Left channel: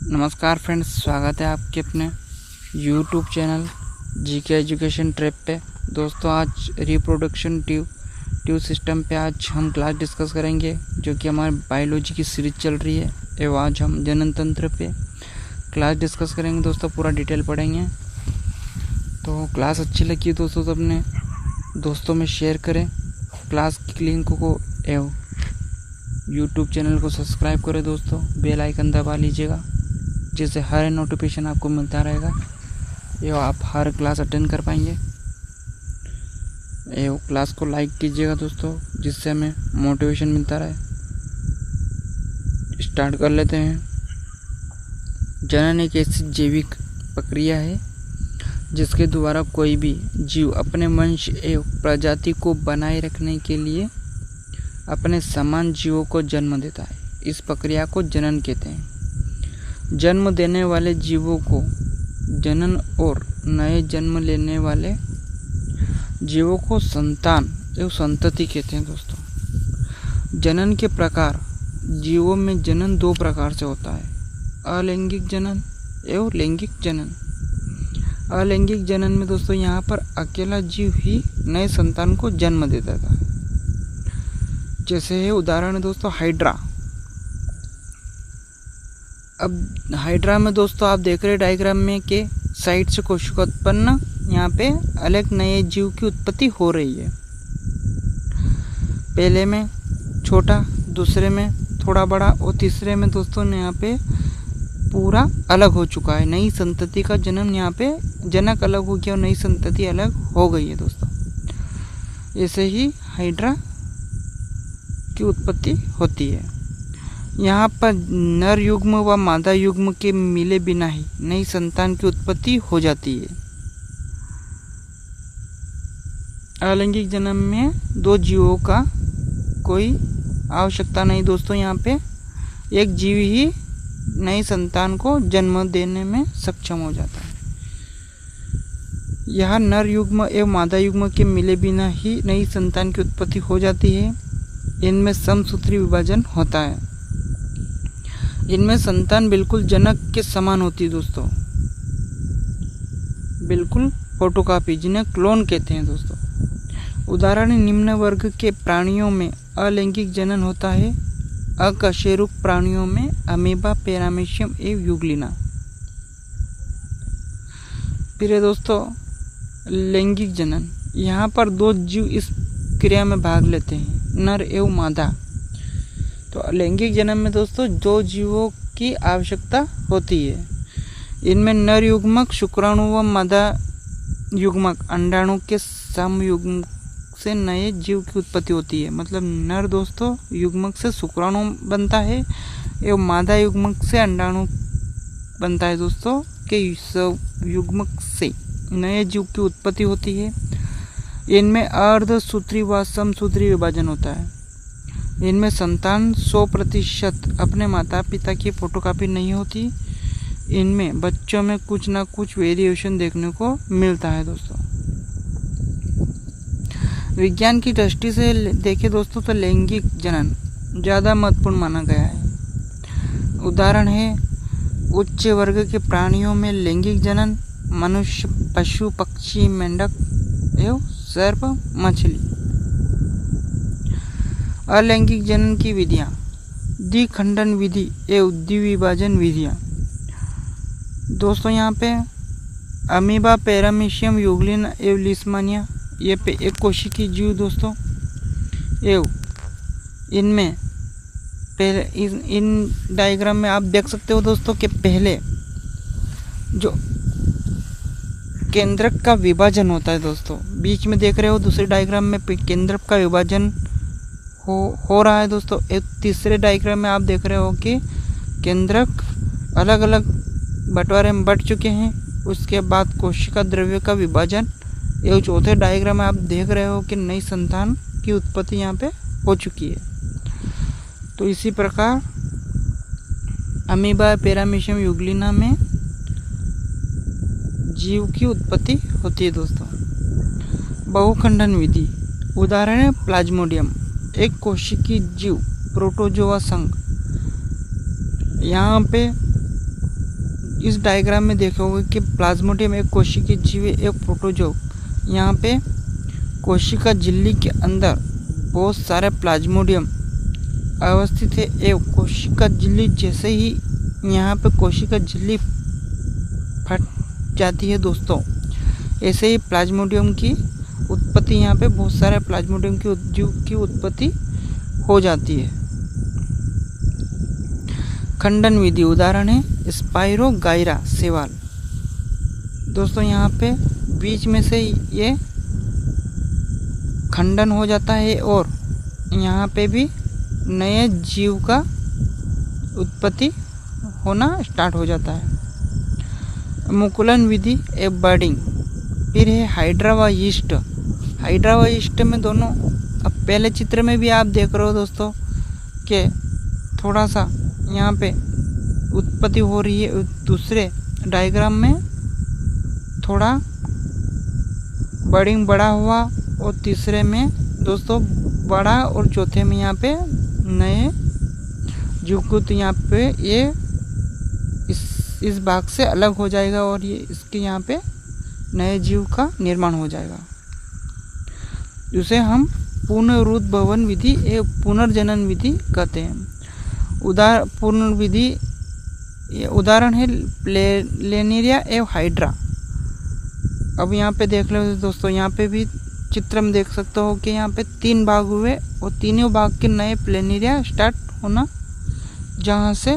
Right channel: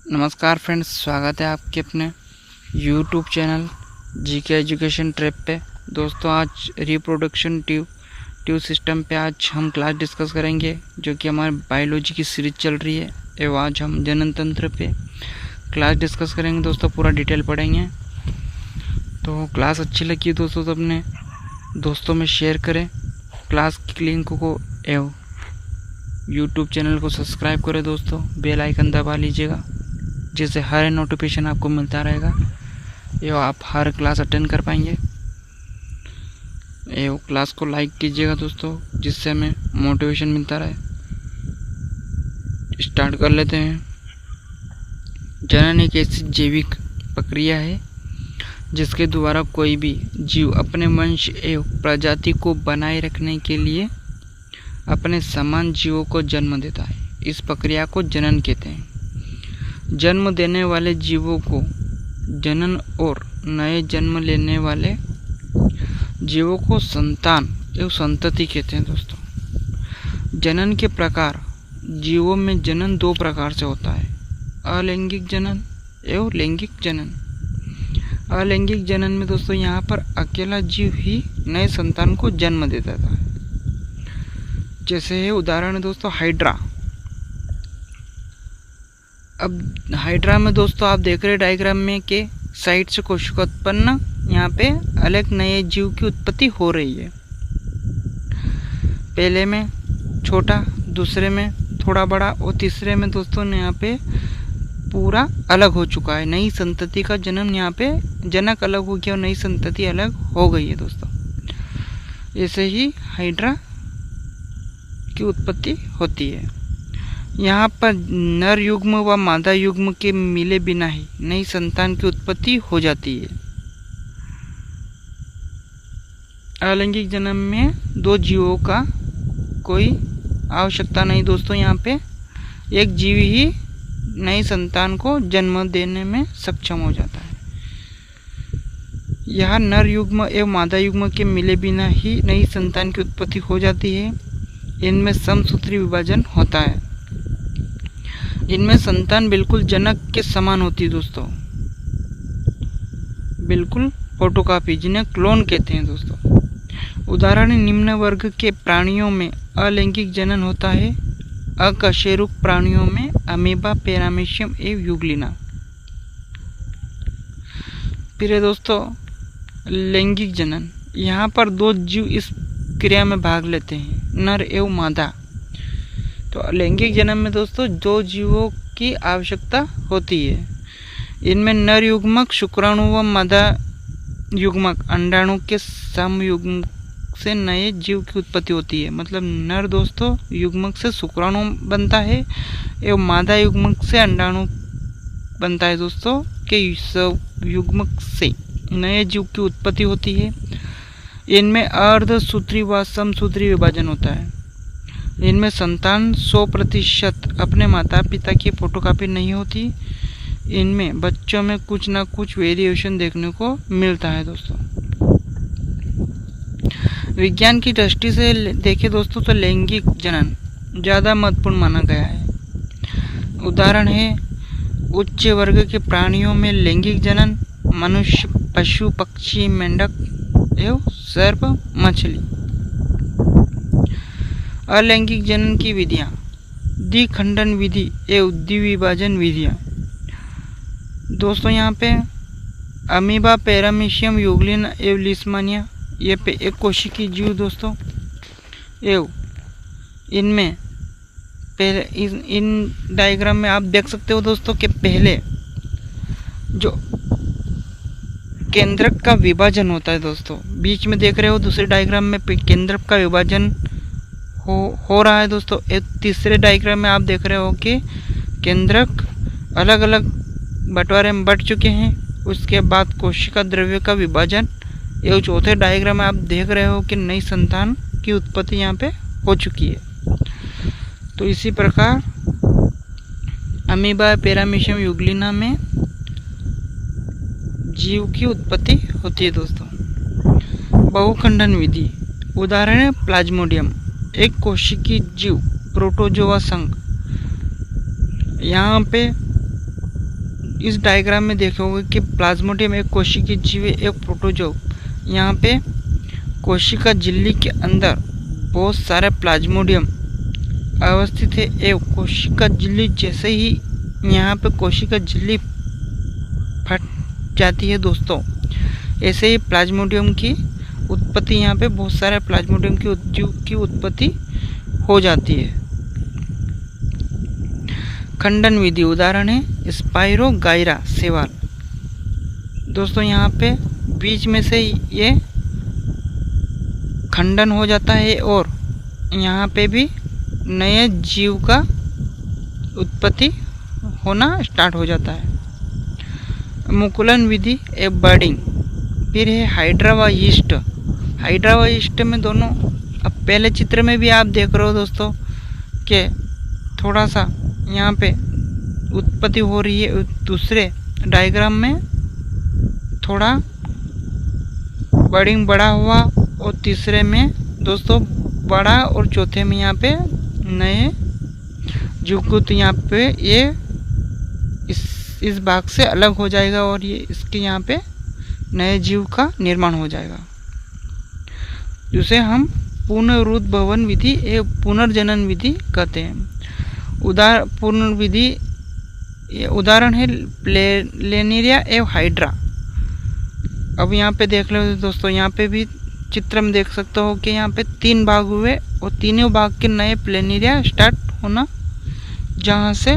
नमस्कार फ्रेंड्स, स्वागत है आपके अपने YouTube channel GK education trap पे। दोस्तों, आज रिप्रोडक्शन ट्यूब सिस्टम पे आज हम क्लास डिस्कस करेंगे, जो कि हमारी बायोलॉजी की सीरीज चल रही है। एवं आज हम जनन तंत्र पे क्लास डिस्कस करेंगे। दोस्तों, पूरा डिटेल पढ़ेंगे। तो क्लास अच्छी लगी दोस्तों तो अपने दोस्तों में शेयर करें। क्लास की लिंक को एवं यूट्यूब चैनल को सब्सक्राइब करें। दोस्तों, बेल आइकन दबा लीजिएगा, जिससे हर नोटिफिकेशन आपको मिलता रहेगा एवं आप हर क्लास अटेंड कर पाएंगे। एवं क्लास को लाइक कीजिएगा दोस्तों, जिससे हमें मोटिवेशन मिलता रहे। स्टार्ट कर लेते हैं। जनन एक ऐसी जैविक प्रक्रिया है जिसके द्वारा कोई भी जीव अपने वंश एवं प्रजाति को बनाए रखने के लिए अपने समान जीवों को जन्म देता है। इस प्रक्रिया को जनन कहते हैं। जन्म देने वाले जीवों को जनन और नए जन्म लेने वाले जीवों को संतान एवं संतति कहते हैं। दोस्तों, जनन के प्रकार। जीवों में जनन दो प्रकार से होता है, अलैंगिक जनन एवं लैंगिक जनन। अलैंगिक जनन में दोस्तों यहाँ पर अकेला जीव ही नए संतान को जन्म दे देता है। जैसे है उदाहरण है दोस्तों हाइड्रा। अब हाइड्रा में दोस्तों आप देख रहे हैं डायग्राम में कि साइड से कोशिका उत्पन्न, यहाँ पे अलग नए जीव की उत्पत्ति हो रही है। पहले में छोटा, दूसरे में थोड़ा बड़ा और तीसरे में दोस्तों यहाँ पे पूरा अलग हो चुका है। नई संतति का जन्म, यहाँ पे जनक अलग हो गया और नई संतति अलग हो गई है। दोस्तों, ऐसे ही हाइड्रा की उत्पत्ति होती है। यहाँ पर नर युग्म व मादा युग्म के मिले बिना ही नई संतान की उत्पत्ति हो जाती है। अलैंगिक जन्म में दो जीवों का कोई आवश्यकता नहीं। दोस्तों, यहाँ पे एक जीव ही नई संतान को जन्म देने में सक्षम हो जाता है। यह नर युग्म एवं मादा युग्म के मिले बिना ही नई संतान की उत्पत्ति हो जाती है। इनमें समसूत्री विभाजन होता है। इनमें संतान बिल्कुल जनक के समान होती है। दोस्तों, बिल्कुल फोटोकॉपी, जिन्हें क्लोन कहते हैं। दोस्तों, उदाहरण निम्न वर्ग के प्राणियों में अलैंगिक जनन होता है। अकशेरुक प्राणियों में अमीबा, पैरामीशियम एवं यूग्लिना। फिर है दोस्तों लैंगिक जनन। यहाँ पर दो जीव इस क्रिया में भाग लेते हैं, नर एवं मादा। तो लैंगिक जन्म में दोस्तों दो जीवों की आवश्यकता होती है। इनमें नर युग्मक शुक्राणु व मादा युग्मक अंडाणु के समयुग्म से नए जीव की उत्पत्ति होती है। मतलब नर दोस्तों युग्मक से शुक्राणु बनता है एवं मादा युग्मक से अंडाणु बनता है। दोस्तों के युग्मक से नए जीव की उत्पत्ति होती है। इनमें अर्धसूत्री व समसूत्री विभाजन होता है। इनमें संतान 100% अपने माता पिता की फोटोकॉपी नहीं होती। इनमें बच्चों में कुछ ना कुछ वेरिएशन देखने को मिलता है। दोस्तों, विज्ञान की दृष्टि से देखें दोस्तों तो लैंगिक जनन ज़्यादा महत्वपूर्ण माना गया है। उदाहरण है उच्च वर्ग के प्राणियों में लैंगिक जनन मनुष्य, पशु, पक्षी, मेंढक एवं सर्प, मछली। अलैंगिक जनन की विधियाँ। द्विखंडन विधि एवं द्विविभाजन विधियाँ। दोस्तों, यहाँ पे अमीबा, पैरामीशियम, यूग्लिना एवं लिस्मानिया, ये पे एक कोशिकीय जीव दोस्तों। एवं इनमें पहले इन डायग्राम में आप देख सकते हो दोस्तों कि पहले जो केंद्रक का विभाजन होता है। दोस्तों, बीच में देख रहे हो दूसरे डायग्राम में केंद्रक का विभाजन हो रहा है। दोस्तों, एक तीसरे डायग्राम में आप देख रहे हो कि केंद्रक अलग अलग बंटवारे में बट चुके हैं। उसके बाद कोशिका द्रव्य का विभाजन एवं चौथे डायग्राम में आप देख रहे हो कि नई संतान की उत्पत्ति यहाँ पे हो चुकी है। तो इसी प्रकार अमीबा, पैरामीशियम, यूग्लिना में जीव की उत्पत्ति होती है। दोस्तों, बहुखंडन विधि। उदाहरण है प्लाज्मोडियम, एक कोशिकीय जीव, प्रोटोजोआ संघ। यहाँ पे इस डायग्राम में देखोगे कि प्लाज्मोडियम एक कोशिकीय जीव है, एक प्रोटोजोआ। यहाँ पे कोशिका झिल्ली के अंदर बहुत सारे प्लाज्मोडियम अवस्थित है। एवं कोशिका झिल्ली जैसे ही यहाँ पे कोशिका झिल्ली फट जाती है दोस्तों, ऐसे ही प्लाज्मोडियम की उत्पत्ति, यहाँ पे बहुत सारे प्लाज्मोडियम की जीव की उत्पत्ति हो जाती है। खंडन विधि उदाहरण है स्पाइरोगाइरा शैवाल। दोस्तों यहाँ पे बीच में से ये खंडन हो जाता है और यहाँ पे भी नए जीव का उत्पत्ति होना स्टार्ट हो जाता है। मुकुलन विधि ए बर्डिंग। फिर है हाइड्रा व यीस्ट। हाइड्रा व यीस्ट में दोनों, अब पहले चित्र में भी आप देख रहे हो दोस्तों कि थोड़ा सा यहाँ पे उत्पत्ति हो रही है, दूसरे डायग्राम में थोड़ा बर्डिंग बड़ा हुआ और तीसरे में दोस्तों बड़ा और चौथे में यहाँ पे नए जीवकुत यहाँ पे ये इस भाग से अलग हो जाएगा और ये इसके यहाँ पे नए जीव का निर्माण हो जाएगा, जिसे हम पुनरुद्भवन विधि एवं पुनर्जनन विधि कहते हैं। उदाहरण है प्लेनेरिया एवं हाइड्रा। अब यहाँ पे देख लो दोस्तों, यहाँ पे भी चित्र में देख सकते हो कि यहाँ पे 3 भाग हुए और तीनों भाग के नए प्लेनेरिया स्टार्ट होना, जहाँ से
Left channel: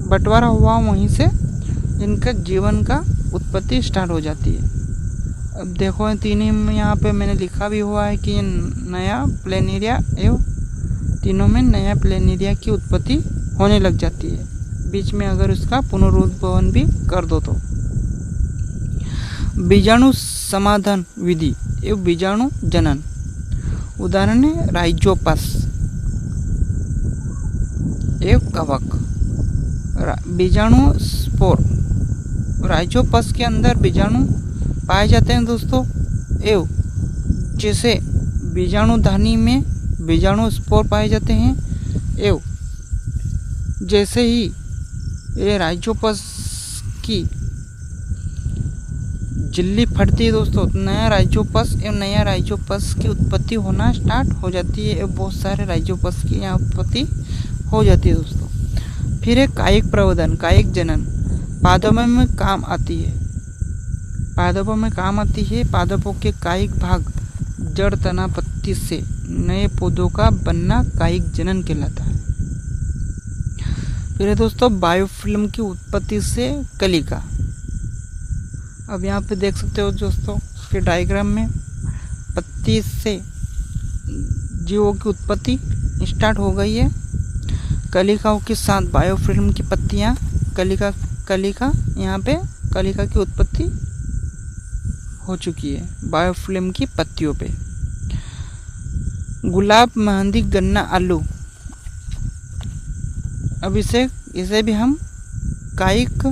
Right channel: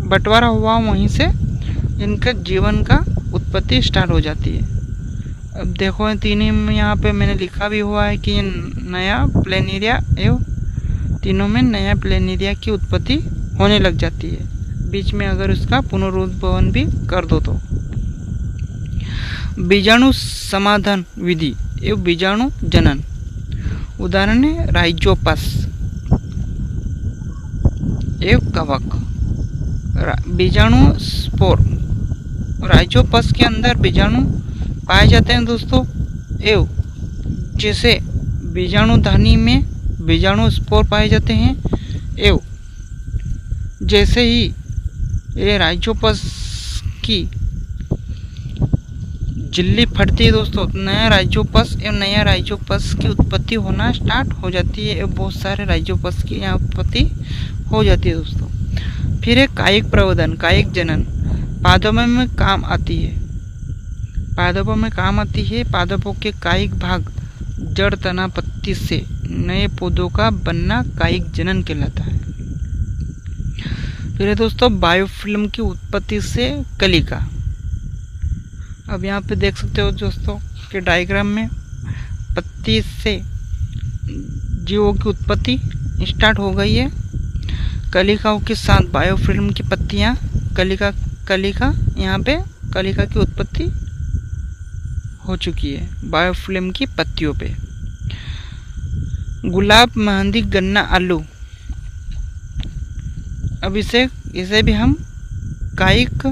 बंटवारा हुआ वहीं से इनका जीवन का उत्पत्ति स्टार्ट हो जाती है। अब देखो तीनों में यहाँ पे मैंने लिखा भी हुआ है कि ये नया प्लेनेरिया एवं तीनों में नया प्लेनेरिया की उत्पत्ति होने लग जाती है, बीच में अगर इसका पुनरुद्भवन भी कर दो तो। बीजाणु समाधान विधि एवं बीजाणु जनन। उदाहरण है राइजोपस एवं कवक। बीजाणु स्पोर। राइजोपस के अंदर बीजाणु पाए जाते हैं दोस्तों, एवं जैसे बीजाणु धानी में बीजाणु स्पोर पाए जाते हैं, एवं जैसे ही ये राइजोपस की झिल्ली फटती है दोस्तों, नया राइजोपस एवं नया राइजोपस की उत्पत्ति होना स्टार्ट हो जाती है एवं बहुत सारे राइजोपस की यहाँ उत्पत्ति हो जाती है दोस्तों। फिर है कायिक प्रवर्धन, कायिक जनन। पादपों में काम आती है। पादपों में काम आती है। पादपों के कायिक भाग जड़, तना, पत्ती से नए पौधों का बनना कायिक जनन कहलाता है। फिर है दोस्तों बायोफिल्म की उत्पत्ति से कलिका। अब यहाँ पे देख सकते हो दोस्तों कि डायग्राम में पत्ती से जीवों की उत्पत्ति स्टार्ट हो गई है। कलिकाओं के साथ बायोफिल्म की पत्तियाँ, कलिका यहाँ पे कलिका की उत्पत्ति हो चुकी है बायोफिल्म की पत्तियों पे। गुलाब, मेहंदी, गन्ना, आलू। अब इसे भी हम कायिक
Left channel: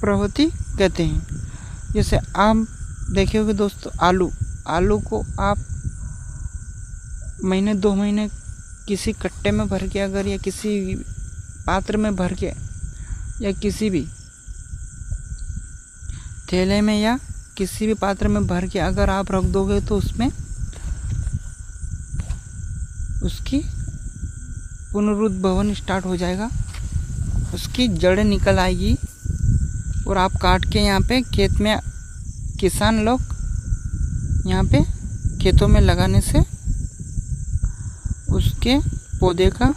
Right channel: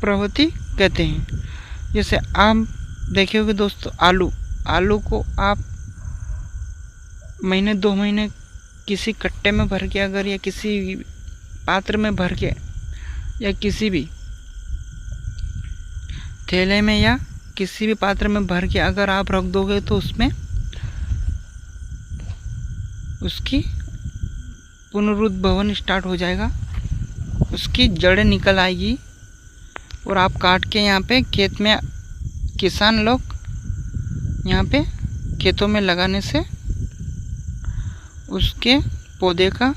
प्रवृत्ति कहते हैं। जैसे आप देखोगे दोस्तों आलू को आप महीने 2 महीने किसी कट्टे में भर के अगर या किसी पात्र में भर के या किसी भी थैले में या किसी भी पात्र में भर के अगर आप रख दोगे तो उसमें उसकी पुनरुद्भवन स्टार्ट हो जाएगा, उसकी जड़ें निकल आएगी और आप काट के यहाँ पे खेत में किसान लोग यहाँ पे खेतों में लगाने से उसके पौधे का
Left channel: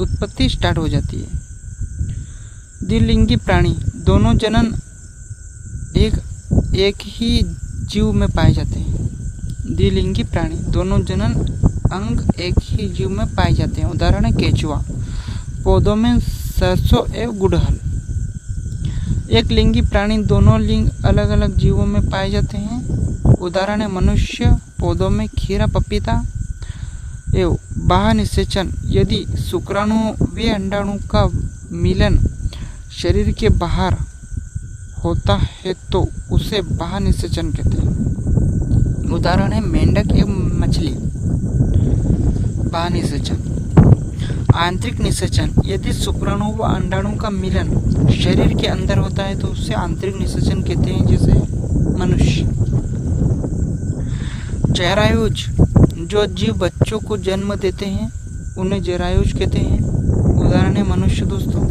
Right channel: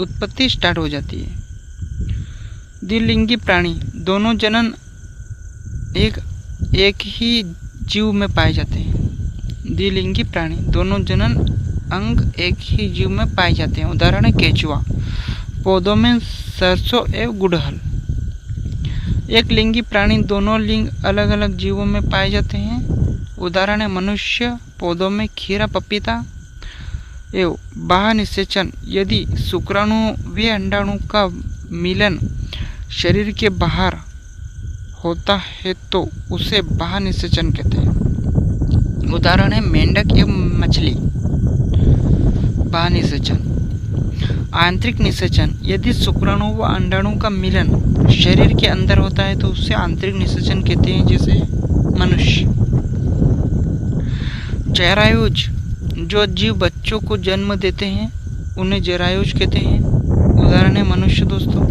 उत्पत्ति स्टार्ट हो जाती है। द्विलिंगी प्राणी, दोनों जनन एक ही जीव में पाए जाते हैं। द्विलिंगी प्राणी, दोनों जनन अंग एक ही जीव में पाए जाते हैं। उदाहरण है केचुआ। पौधों में सरसों एवं गुड़हल। एक लिंगी प्राणी, दोनों लिंग अलग अलग जीवों में पाए जाते हैं। उदाहरण है मनुष्य। पौधों में खीरा, पपीता एवं बाह्य निषेचन। यदि शुक्राणु व अंडाणु का मिलन शरीर के बाहर होता है तो उसे बाह्य निषेचन कहते हैं। उदाहरण है मेंढक एवं मछली। बाह्य निषेचन। आंतरिक निषेचन, यदि शुक्राणु व अंडाणु का मिलन शरीर के अंदर होता है तो उसे आंतरिक निषेचन कहते हैं, जैसे मनुष्य। जरायुज, जो जीव बच्चों को जन्म देते हैं उन्हें जरायुज कहते हैं, उदाहरण है मनुष्य दोस्तों।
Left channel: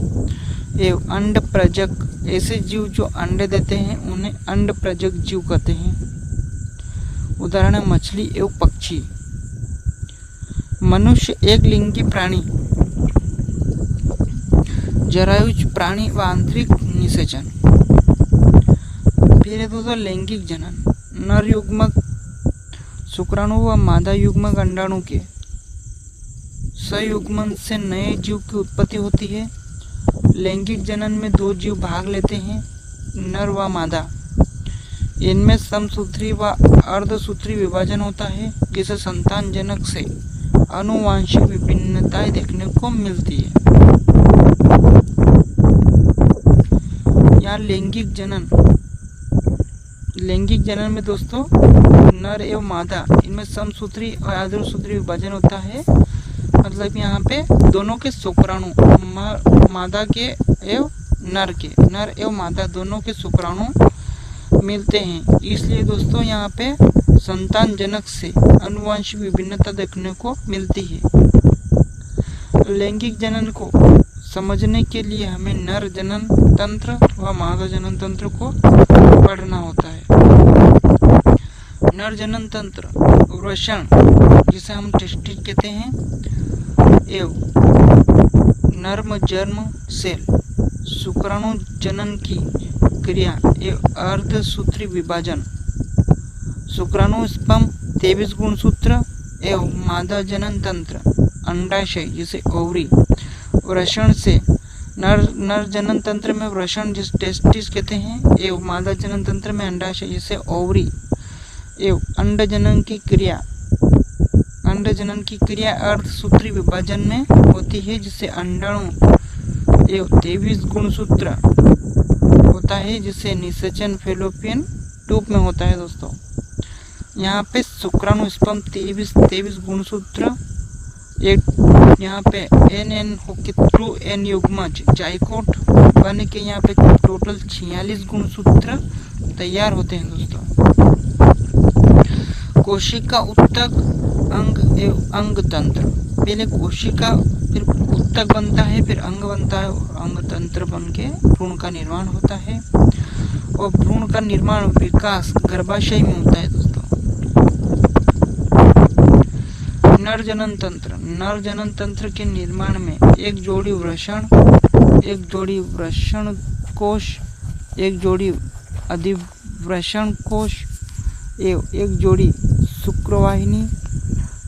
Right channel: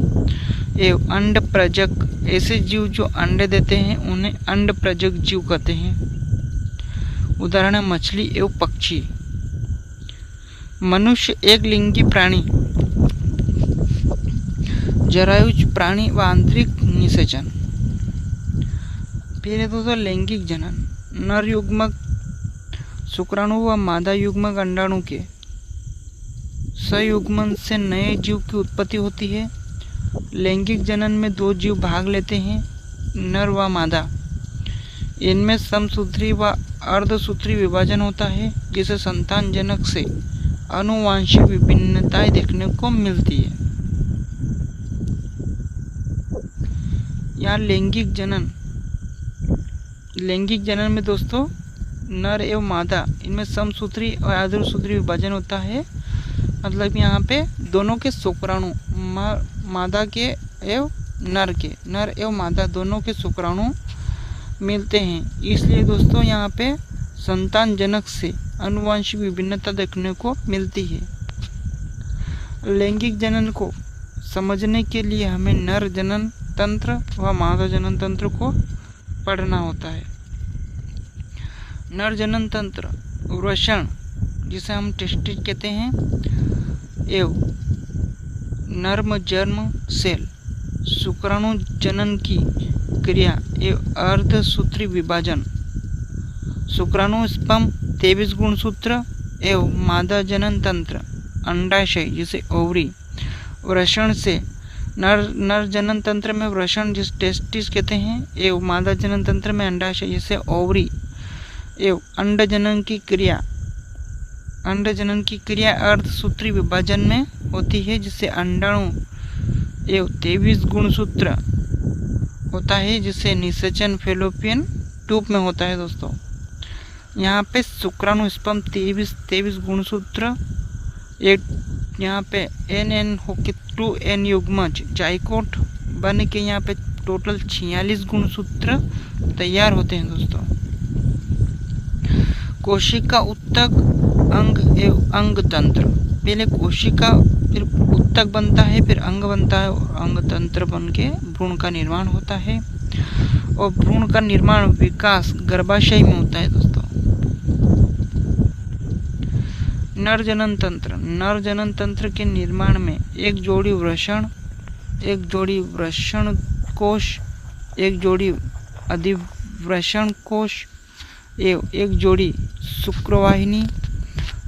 एवं अंड प्रजक, ऐसे जीव जो अंडे देते हैं उन्हें अंड प्रजक जीव कहते हैं, उदाहरण है मछली एवं पक्षी। मनुष्य एक लिंगी प्राणी, जरायुज प्राणी व आंतरिक निषेचन। फिर है दोस्तों लैंगिक जनन, नर युग्मक शुक्राणु व मादा युग्मक अंडाणु के संयुग्मन से नए जीव की उत्पत्ति होती है। लैंगिक जनन में दो जीव भाग लेते हैं, नर व मादा। इनमें समसूत्री व अर्धसूत्री विभाजन होता है, जिसे संतान जनक से आनुवांशिक विभिन्नताएं देखने को मिलती है। यहाँ लैंगिक जनन में दोस्तों नर एवं मादा, इनमें समसूत्री और अर्धसूत्री विभाजन होता है। मतलब यहाँ पे दोनों के शुक्राणु, मादा के एवं नर एवं मादा दोनों के शुक्राणु मिलते हैं, इसलिए दोस्तों यहाँ पे संतान जनक से आनुवांशिक विभिन्नता देखने को मिलती है। लैंगिक जनन को समझने के लिए हमें नर जनन तंत्र व मादा जनन तंत्र को पढ़ना होता है। नर जनन तंत्र वृषण, जिसे हम टेस्टिस कहते हैं, एवं नर्म जर्म सेल, शुक्राणु जनन की क्रिया एवं अर्धसूत्री विभाजन, शुक्राणु स्पर्म 23 गुणसूत्र एवं मादा जनन तंत्र अंडाशय जिसे ओवरी। वृषण से नर जनन तंत्र में वृषण जिसे टेस्टिस कहते हैं, एवं मादा जनन तंत्र में अंडाशय जिसे ओवरी, एवं अंड जनन की क्रिया अर्धसूत्री विभाजन में होती है, जिसे अंडाणु एवं 23 गुणसूत्र होता है, जिसे निषेचन फेलोपियन ट्यूब में होता है दोस्तों। यहाँ पे शुक्राणु स्पर्म 23 गुणसूत्र, एक यहाँ पे एन होके ट्रू एन युग्मज जाइकोट बन के यहाँ पे टोटल 46 गुणसूत्र तैयार होते हैं दोस्तों। कोशिका उत्तक अंग एवं अंग तंत्र, पहले कोशिका फिर उत्तक बनता है, फिर अंग बनता है और अंग तंत्र बन के भ्रूण का निर्माण होता है। और भ्रूण का निर्माण विकास गर्भाशय में होता है दोस्तों। नर जनन तंत्र के निर्माण में एक जोड़ी वृषण कोश, एक जोड़ी अधिवृषण कोश एवं एक जोड़ी शुक्रवाहिनी,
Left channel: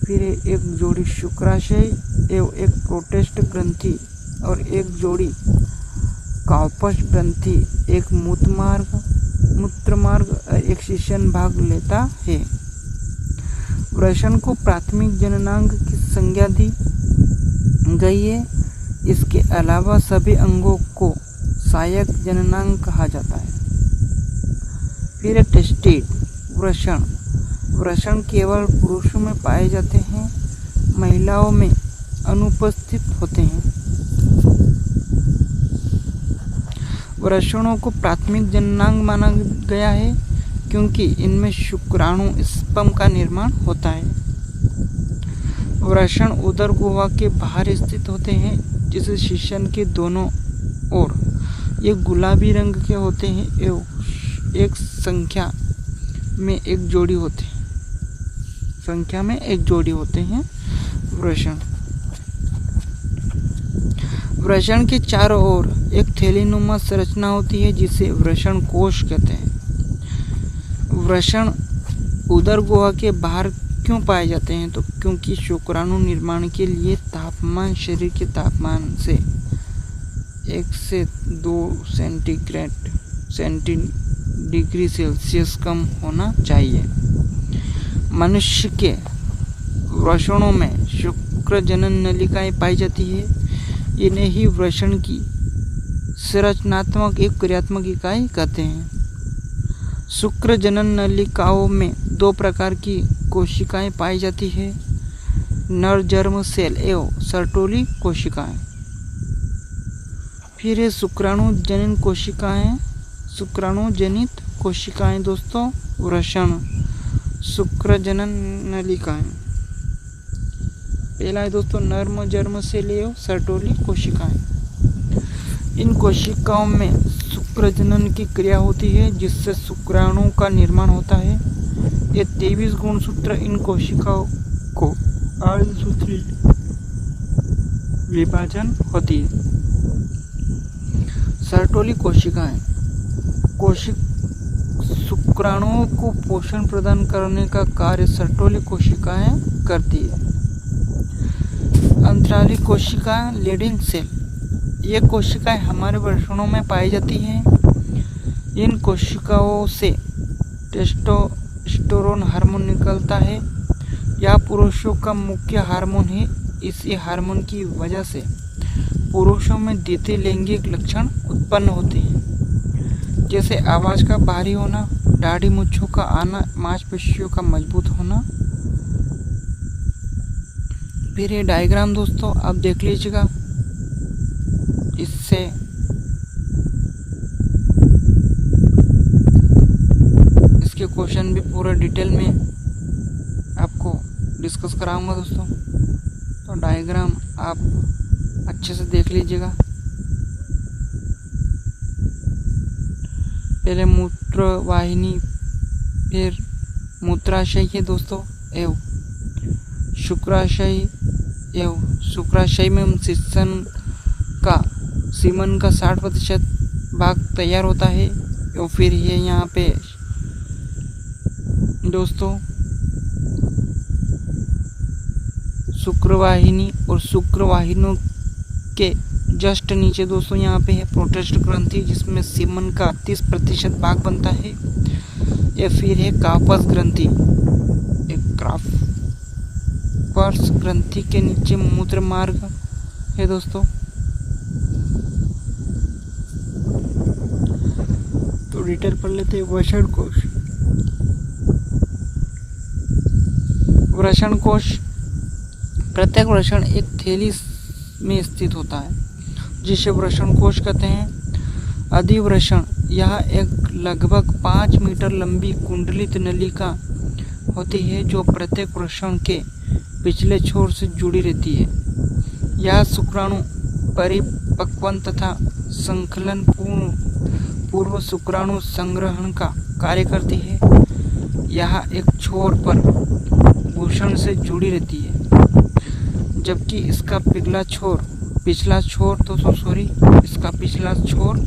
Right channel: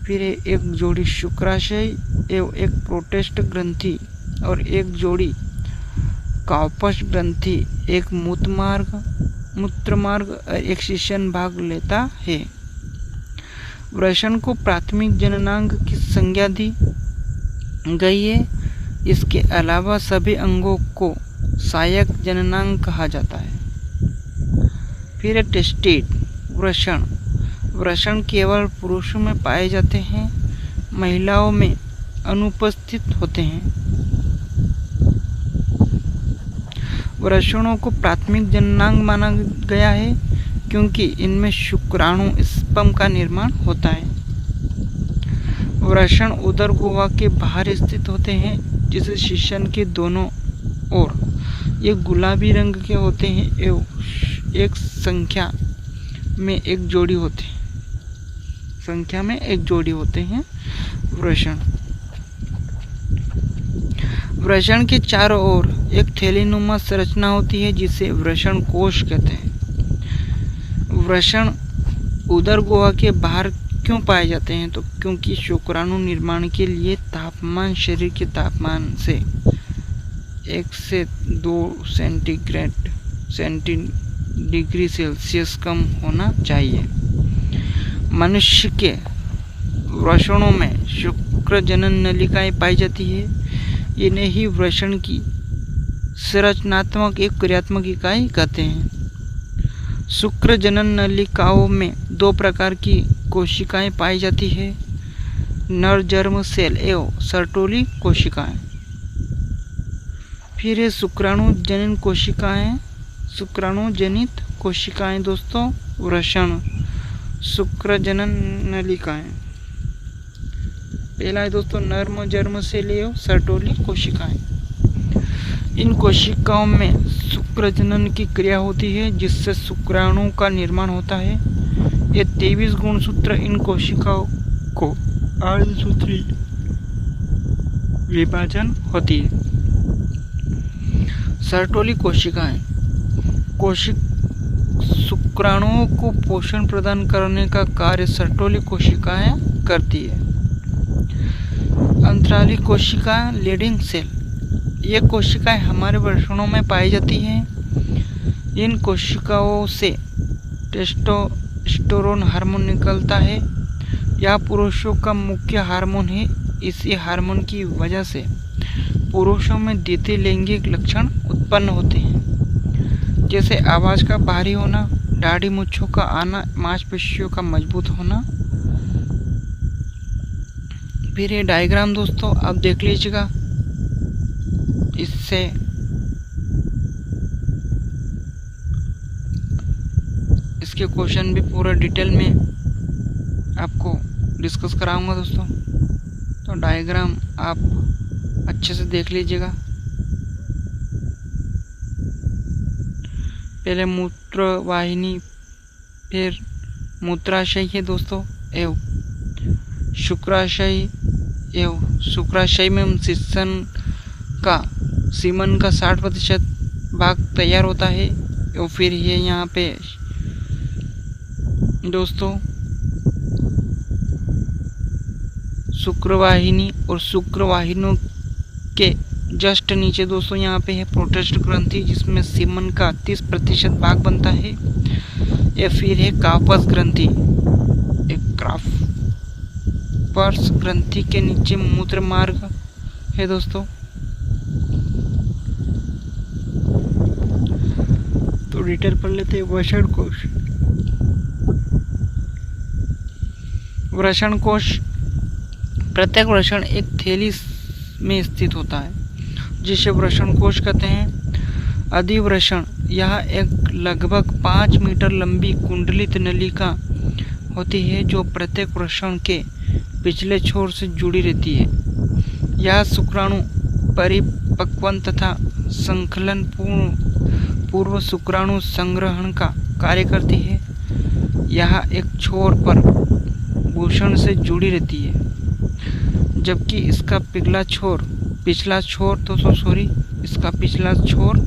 फिर एक जोड़ी शुक्राशय एवं एक प्रोटेस्ट ग्रंथि और एक जोड़ी काउपस ग्रंथि, एक मूत्रमार्ग और एक शिशन भाग लेता है। वृषण को प्राथमिक जननांग की संज्ञा दी गई है। इसके अलावा सभी अंगों को सहायक जननांग कहा जाता है। फिर टेस्टिड वृषण केवल पुरुषों में पाए जाते हैं, महिलाओं में अनुपस्थित होते हैं। वृषणों को प्राथमिक जननांग माना गया है क्योंकि इनमें शुक्राणु स्पर्म का निर्माण होता है। वृषण उदर गुहा के बाहर स्थित होते हैं, जिसे शिशन के दोनों ओर ये गुलाबी रंग के होते हैं एवं एक संख्या में एक जोड़ी होते हैं वृषण के चारों ओर एक थैलीनुमा संरचना होती है, जिसे वृषण कोश कहते हैं। वृषण उदर गुहा के बाहर क्यों पाए जाते हैं? तो क्योंकि शुक्राणु निर्माण के लिए तापमान शरीर के तापमान से 1 से 2 डिग्री सेल्सियस कम होना चाहिए। मनुष्य के वृषणों में शुक्र जनन नलिकाएं पाई जाती है। इन्हें ही वृषण की संरचनात्मक एक क्रियात्मक इकाई कहते हैं। शुक्र जनन नलिकाओं में 2 प्रकार की कोशिकाएं पाई जाती है। नर जर्म सेल एवं सर्टोली कोशिकाएं। फिर है शुक्राणु जनित कोशिकाएं, शुक्राणु जनित कोशिकाएं दोस्तों, वृषण, शुक्रजनन नलिकाएं। पहला है दोस्तों नर्म जर्म सेल एवं सर्टोली कोशिकाएं। इन कोशिकाओं में शुक्रजनन की क्रिया होती है जिससे शुक्राणु का निर्माण होता है। ये 23 गुणसूत्र इन कोशिकाओं को अर्धसूत्री विभाजन होती है। सर्टोली कोशिकाएं शुक्राणुओं को पोषण प्रदान करने का कार्य सर्टोली कोशिकाएं करती है। अंतराली कोशिकाएं लीडिंग सेल, ये कोशिकाएं हमारे वृषणों में पाई जाती हैं। इन कोशिकाओं से टेस्टोस्टेरोन हार्मोन निकलता है। यह पुरुषों का मुख्य हार्मोन है। इसी हार्मोन की वजह से पुरुषों में द्वितीय लैंगिक लक्षण उत्पन्न होते हैं, जैसे आवाज का भारी होना, दाढ़ी मूंछों का आना, मांसपेशियों का मजबूत होना। फिर ये डायग्राम दोस्तों आप देख लीजिएगा, इससे इसके क्वेश्चन भी पूरा डिटेल में आपको डिस्कस कराऊंगा दोस्तों। तो डायग्राम आप अच्छे से देख लीजिएगा। पहले मूत्र वाहिनी, फिर मूत्राशय है दोस्तों एवं शुक्राशय एवं शुक्राशय में सीमन का 60% भाग तैयार होता है। और फिर ये यहाँ पे दोस्तों शुक्रवाहिनी और शुक्रवाहिनियों के जस्ट नीचे दोस्तों यहाँ पे है प्रोटेस्ट ग्रंथि, जिसमें सीमन का 30% भाग बनता है। या फिर है कार्पस ग्रंथि, एक कार्पस ग्रंथि के नीचे मूत्र मार्ग है दोस्तों। तो डिटेल पढ़ लेते हैं। वृषण कोश, वृषण कोश, प्रत्येक वृषण एक थैली में स्थित होता है जिसे वृषण कोश कहते हैं। अधिवृषण, यह एक लगभग 5 मीटर लंबी कुंडलित नलिका होती है जो प्रत्येक वृषण के पिछले छोर से जुड़ी रहती है। यह शुक्राणु परिपक्वन तथा संकलन पूर्व शुक्राणु संग्रहण का कार्य करती है। यह एक छोर पर भूषण से जुड़ी रहती है, जबकि इसका पिछला छोर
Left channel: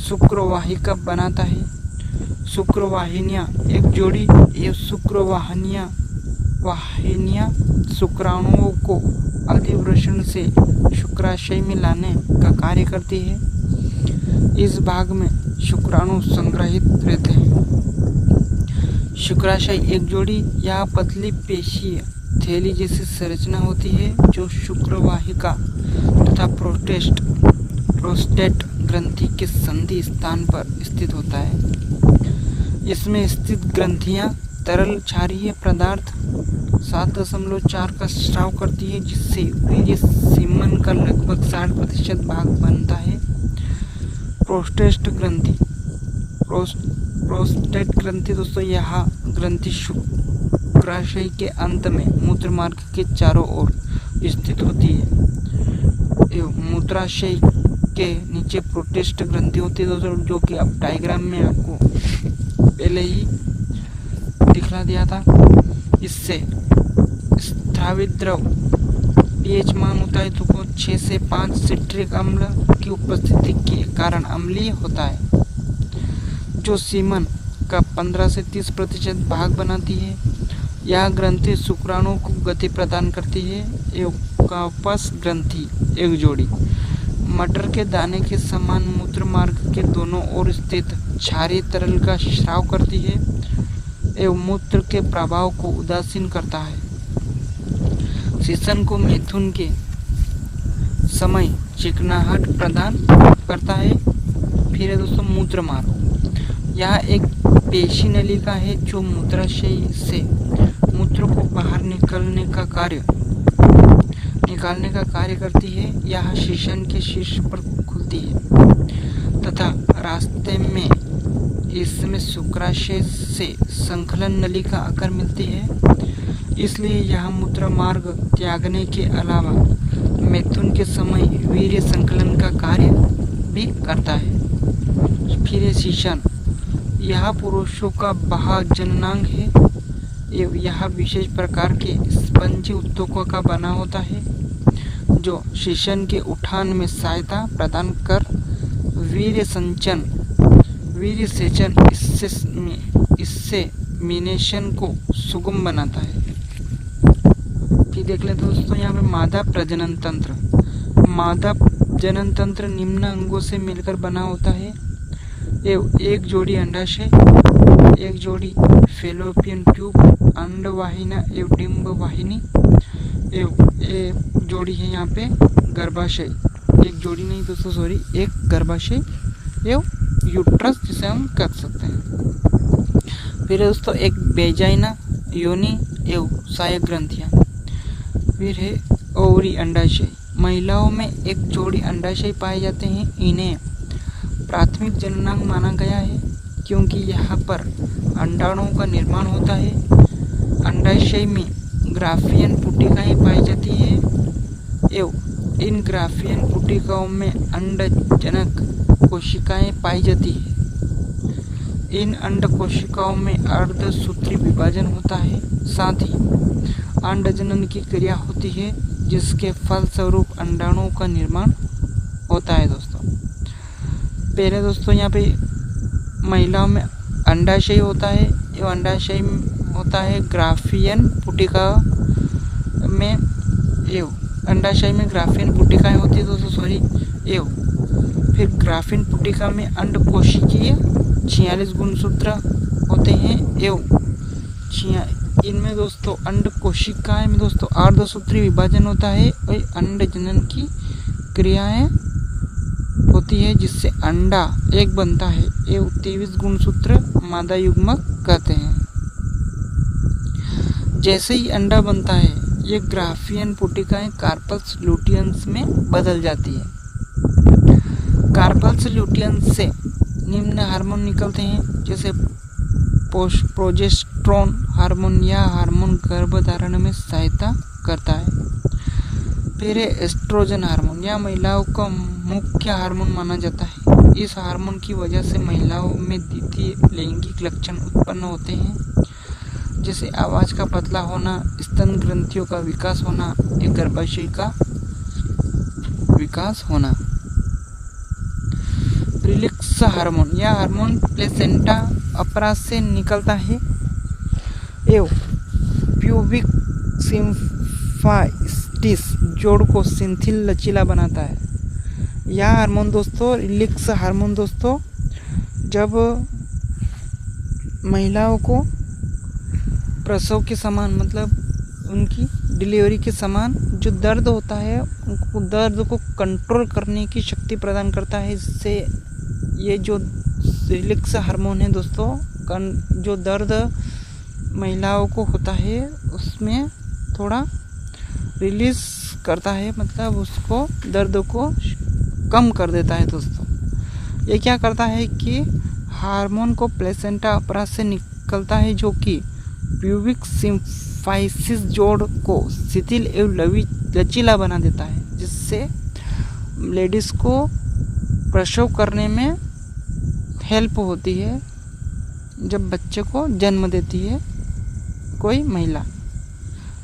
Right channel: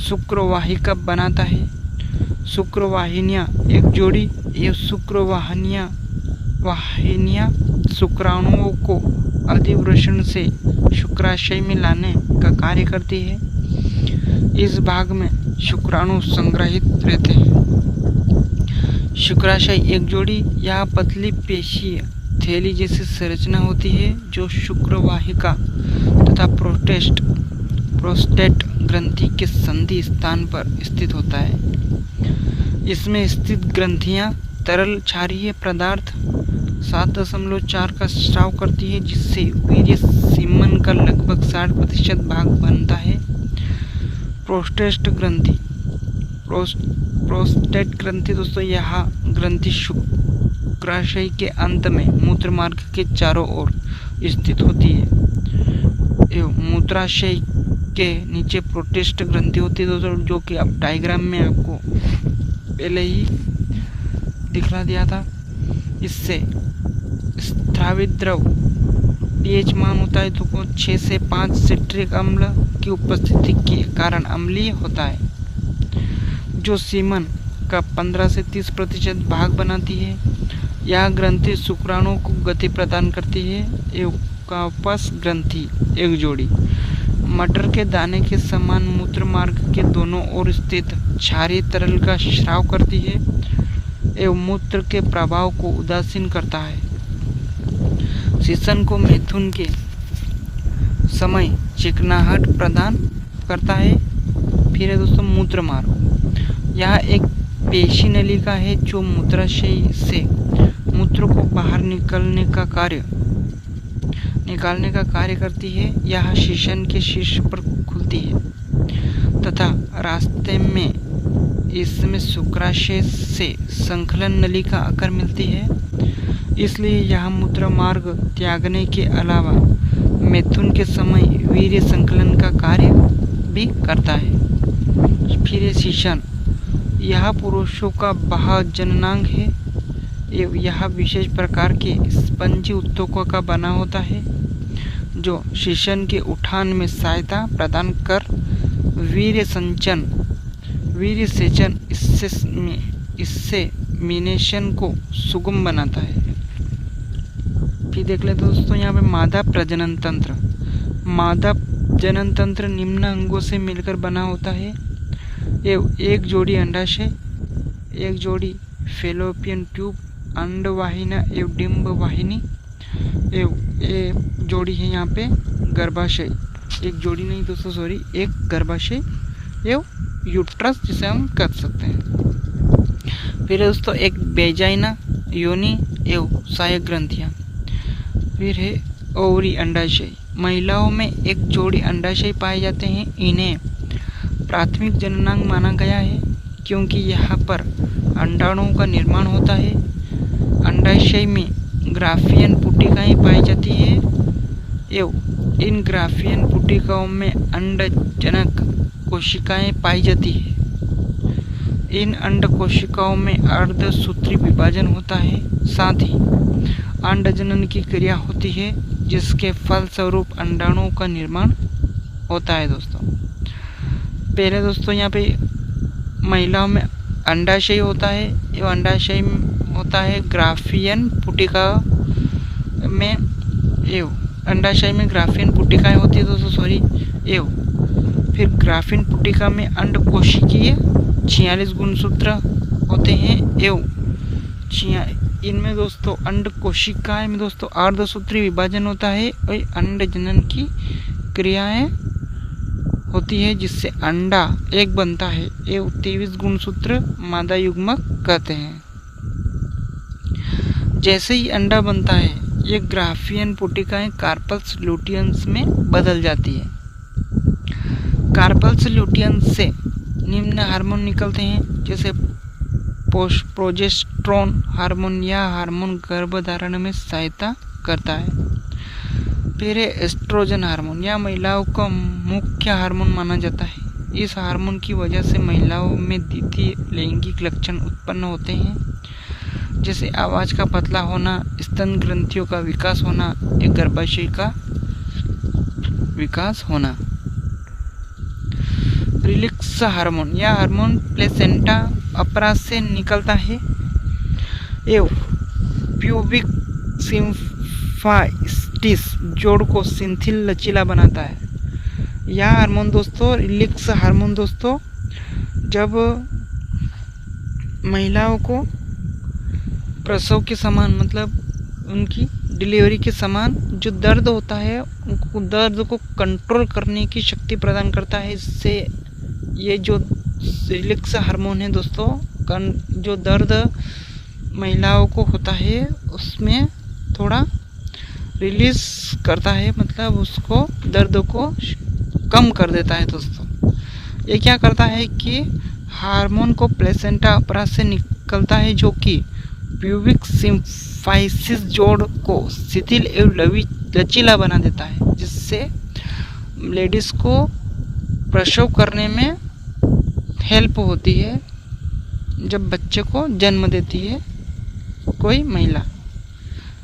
शुक्रवाहिका बनाता है। शुक्रवाहिनियां एक जोड़ी, ये शुक्रवाहिनियां शुक्राणुओं को अधिवृषण से शुक्राशय में लाने का कार्य करती है। इस भाग में शुक्राणु संग्रहित रहते हैं। शुक्राशय एक जोड़ी, यह पतली पेशीय थैली जैसी संरचना होती है जो शुक्रवाहिका तथा प्रोस्टेट ग्रंथि के संधि स्थान पर स्थित होता है। इसमें स्थित ग्रंथियां तरल क्षारीय पदार्थ 7.4 का स्राव करती है, जिससे वीर्य सीमन का लगभग 60% भाग बनता है। प्रोस्टेट ग्रंथि दोस्तों, यह ग्रंथि शुक्राशय के अंत में मूत्र मार्ग के चारों ओर स्थित होती है। एवं मूत्राशय के नीचे प्रोस्टेट ग्रंथि होती है दोस्तों, जो कि अब डायग्राम में आपको पहले ही दिखला दिया था। इससे स्रावित द्रव पीएच मान होता है तो 6 से 5 सिट्रिक अम्ल की उपस्थिति के कारण अम्लीय होता है, जो सीमन का 15 से 30% भाग बनाती है। यह ग्रंथि शुक्राणु को गति प्रदान करती है। एवं कार्पस ग्रंथि एक जोड़ी, मटर के दाने के समान मूत्र मार्ग के दोनों ओर स्थित क्षारीय तरल का स्राव करती है एवं मूत्र के प्रभाव को उदासीन करता है। शीशन को मिथुन के समय चिकनाहट प्रदान करता है। फिर है दोस्तों मूत्र मार्ग, यह एक पेशी नलिका है जो मूत्राशय से मूत्र को बाहर निकालने का कार्य करती है। यह शीशन के शीर्ष पर खुलती है तथा रास्ते में इसमें शुक्राशय से संकलन नली का आकार मिलती है। इसलिए यह मूत्र मार्ग त्यागने के अलावा मैथुन के समय वीर्य संकलन का कार्य भी करता है। फिर है शीशन। यह पुरुषों का बाह्य जननांग है। यह विशेष प्रकार के स्पंजी उत्तकों का बना होता है जो शीशन के उठान में सहायता प्रदान कर वीर्य सेचन इससे मिनेशन को सुगम बनाता है। फिर देख लेते दोस्तों यहाँ पे मादा प्रजनन तंत्र। मादा जनन तंत्र निम्न अंगों से मिलकर बना होता है। एक जोड़ी अंडाशय, एक जोड़ी फेलोपियन ट्यूब, अंडवाहिनी एवं डिंब वाहिनी, एक जोड़ी है यहाँ पे गर्भाशय, एक जोड़ी नहीं दोस्तों सॉरी, एक गर्भाशय एवं यूट्रस जिसे हम कह सकते हैं। फिर दोस्तों एक वेजाइना, योनि एवं सहायक ग्रंथियाँ। फिर है ओवरी अंडाशय। महिलाओं में एक जोड़ी अंडाशय पाए जाते हैं। इन्हें प्राथमिक जननांग माना गया है क्योंकि यहाँ पर अंडाणुओं का निर्माण होता है। अंडाशय में ग्राफियन पुटिकाएं पाई जाती है एवं इन ग्राफियन पुटिकाओं में अंडजनक कोशिकाएं पाई जाती है। इन अंड कोशिकाओं में अर्धसूत्री विभाजन होता है। साथ ही अंडजनन की क्रिया होती है जिसके फलस्वरूप अंडाणुओं का निर्माण होता है। दोस्तों पहले दोस्तों यहाँ पे महिलाओं में अंडाशय होता है। ये अंडाशय होता है ग्राफियन पुटिका में अंडाशय में ग्राफियन पुटिकाएं होती है दोस्तों सॉरी फिर ग्राफियन पुटिका में अंड कोशिकीय 46 गुणसूत्र होते हैं इनमें दोस्तों अंड कोशिकाएं में दोस्तों अर्धसूत्री विभाजन होता है और अंड जनन की क्रियाएं होती है जिससे अंडा एक बनता है। ये 23 गुणसूत्र मादा युग्मक कहते हैं। जैसे ही अंडा बनता है ये ग्राफियन पुटिकाएं कार्पल्स ल्यूटियंस में बदल जाती है। कार्पल्स ल्यूटियंस से निम्न हार्मोन निकलते हैं जैसे प्रोजेस्टेरोन हार्मोन। यह हार्मोन गर्भधारण में सहायता करता है। फिर है एस्ट्रोजन हार्मोन। यह महिलाओं का मुख्य हार्मोन माना जाता है। इस हार्मोन की वजह से महिलाओं में द्वितीय लैंगिक लक्षण उत्पन्न होते हैं जैसे आवाज़ का पतला होना, स्तन ग्रंथियों का विकास होना, एक गर्भाशय का विकास होना। Relax hormone. यह हार्मोन प्लेसेंटा अपरा से निकलता है एवं प्यूबिक सिम्फाइटिस जोड़ को शिथिल लचीला बनाता है। यह हार्मोन दोस्तों रिलैक्स हार्मोन दोस्तों जब महिलाओं को प्रसव के समान मतलब उनकी डिलीवरी के समान जो दर्द होता है उनको दर्द को कंट्रोल करने की शक्ति प्रदान करता है। इससे ये जो रिलैक्स हार्मोन है दोस्तों जो दर्द महिलाओं को होता है उसमें थोड़ा रिलीज करता है मतलब उसको दर्द को कम कर देता है। दोस्तों ये क्या करता है कि हार्मोन को प्लेसेंटा अपरा से निकलता है जो कि प्यूबिक सिम्फाइटिस जोड़ को शिथिल एवं लचीला बना देता है जिससे लेडीज़ को प्रसव करने में हेल्प होती है जब बच्चे को जन्म देती है कोई महिला।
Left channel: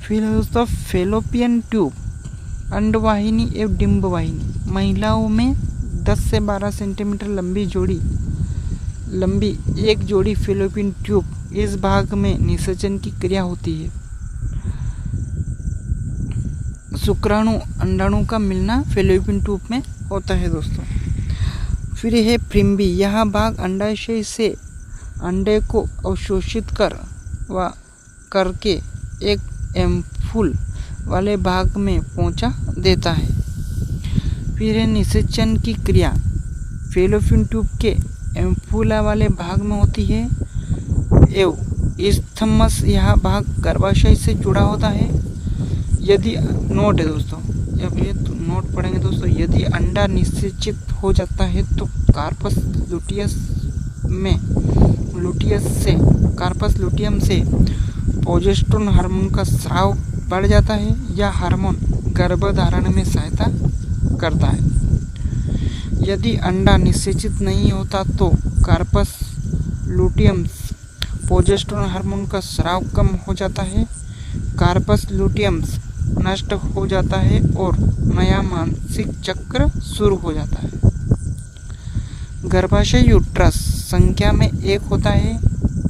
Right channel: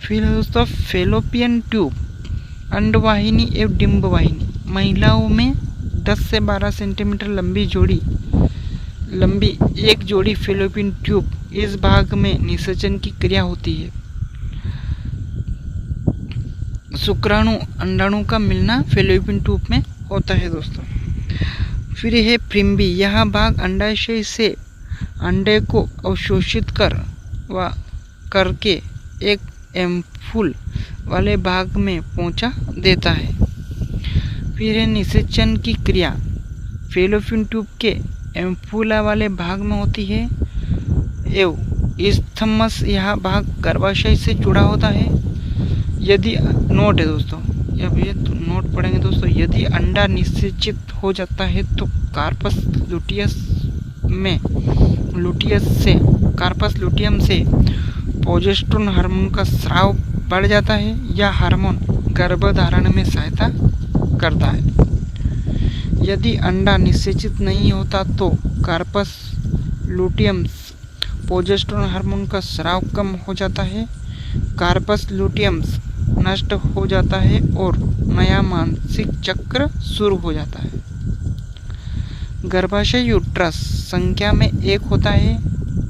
फिर दोस्तों फेलोपियन ट्यूब अंडवाहिनी एवं डिंब वाहिनी। महिलाओं में 10 से 12 सेंटीमीटर लंबी एक जोड़ी फेलोपियन ट्यूब इस भाग में निषेचन की क्रिया होती है। शुक्राणु अंडाणु का मिलना फेलोपियन ट्यूब में होता है दोस्तों। फिर है प्रिम्बी। यह भाग अंडाशय से अंडे को अवशोषित करके एक एम्फूल वाले भाग में पहुंचा देता है। फिर है निषेचन की क्रिया फेलोपियन ट्यूब के एम्फूला वाले भाग में होती है एवं इस्थमस यह भाग गर्भाशय से जुड़ा होता है। यदि नोट है दोस्तों, अब ये नोट पढ़ेंगे दोस्तों, यदि अंडा निषेचित हो जाता है तो कार्पस लुटियम से प्रोजेस्टेरोन हार्मोन का स्राव बढ़ जाता है। यह हार्मोन गर्भधारण में सहायता करता है। यदि अंडा निषेचित नहीं होता तो कार्पस लुटियम प्रोजेस्टेरोन हार्मोन का स्राव कम हो जाता है, कार्पस लुटियम नष्ट हो जाता है और नया मानसिक चक्र शुरू हो जाता है। गर्भाशय यूट्रस संख्या में 1 होता है,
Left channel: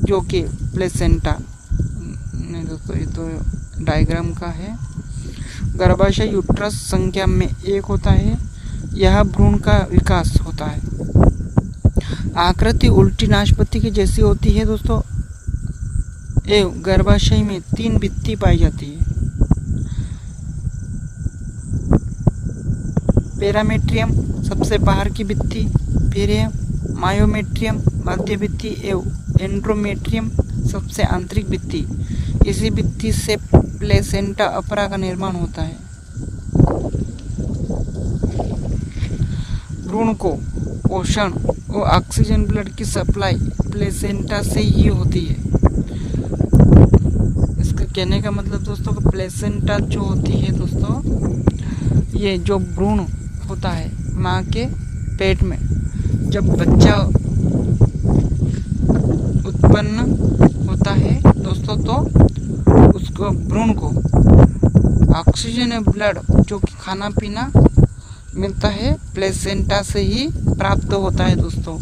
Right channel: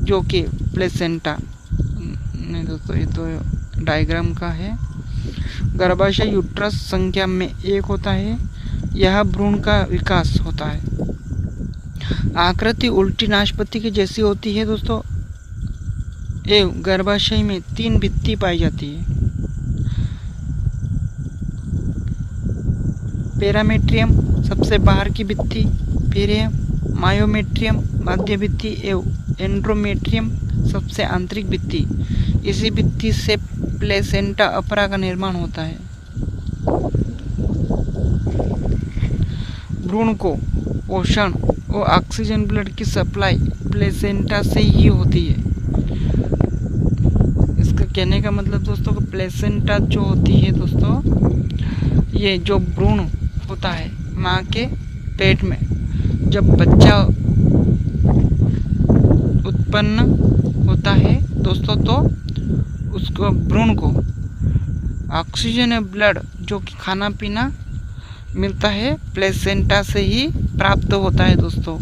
जो कि प्लेसेंटा, नहीं दोस्तों ये तो डायग्राम का है। गर्भाशय यूट्रस संख्या में 1 होता है, यह भ्रूण का विकास होता है। आकृति उल्टी नाशपाती की जैसी होती है दोस्तों। एवं गर्भाशय में 3 भित्ति पाई जाती है, पैरामेट्रियम सबसे बाहर की भित्ति, फिर है मायोमेट्रियम मध्य भित्ति एवं एंड्रोमेट्रियम सबसे आंतरिक भित्ति। इसी भित्ति से प्लेसेंटा अपरा का निर्माण होता है। भ्रूण को पोषण और ऑक्सीजन ब्लड की सप्लाई प्लेसेंटा से ही होती है। इसका कहने का मतलब दोस्तों कि प्लेसेंटा जो होती है दोस्तों, ये जो भ्रूण होता है माँ के पेट में, जब बच्चा उत्पन्न होता है दोस्तों तो उसको भ्रूण को ऑक्सीजन और ब्लड जो कि खाना पीना मिलता है प्लेसेंटा से ही प्राप्त होता है दोस्तों।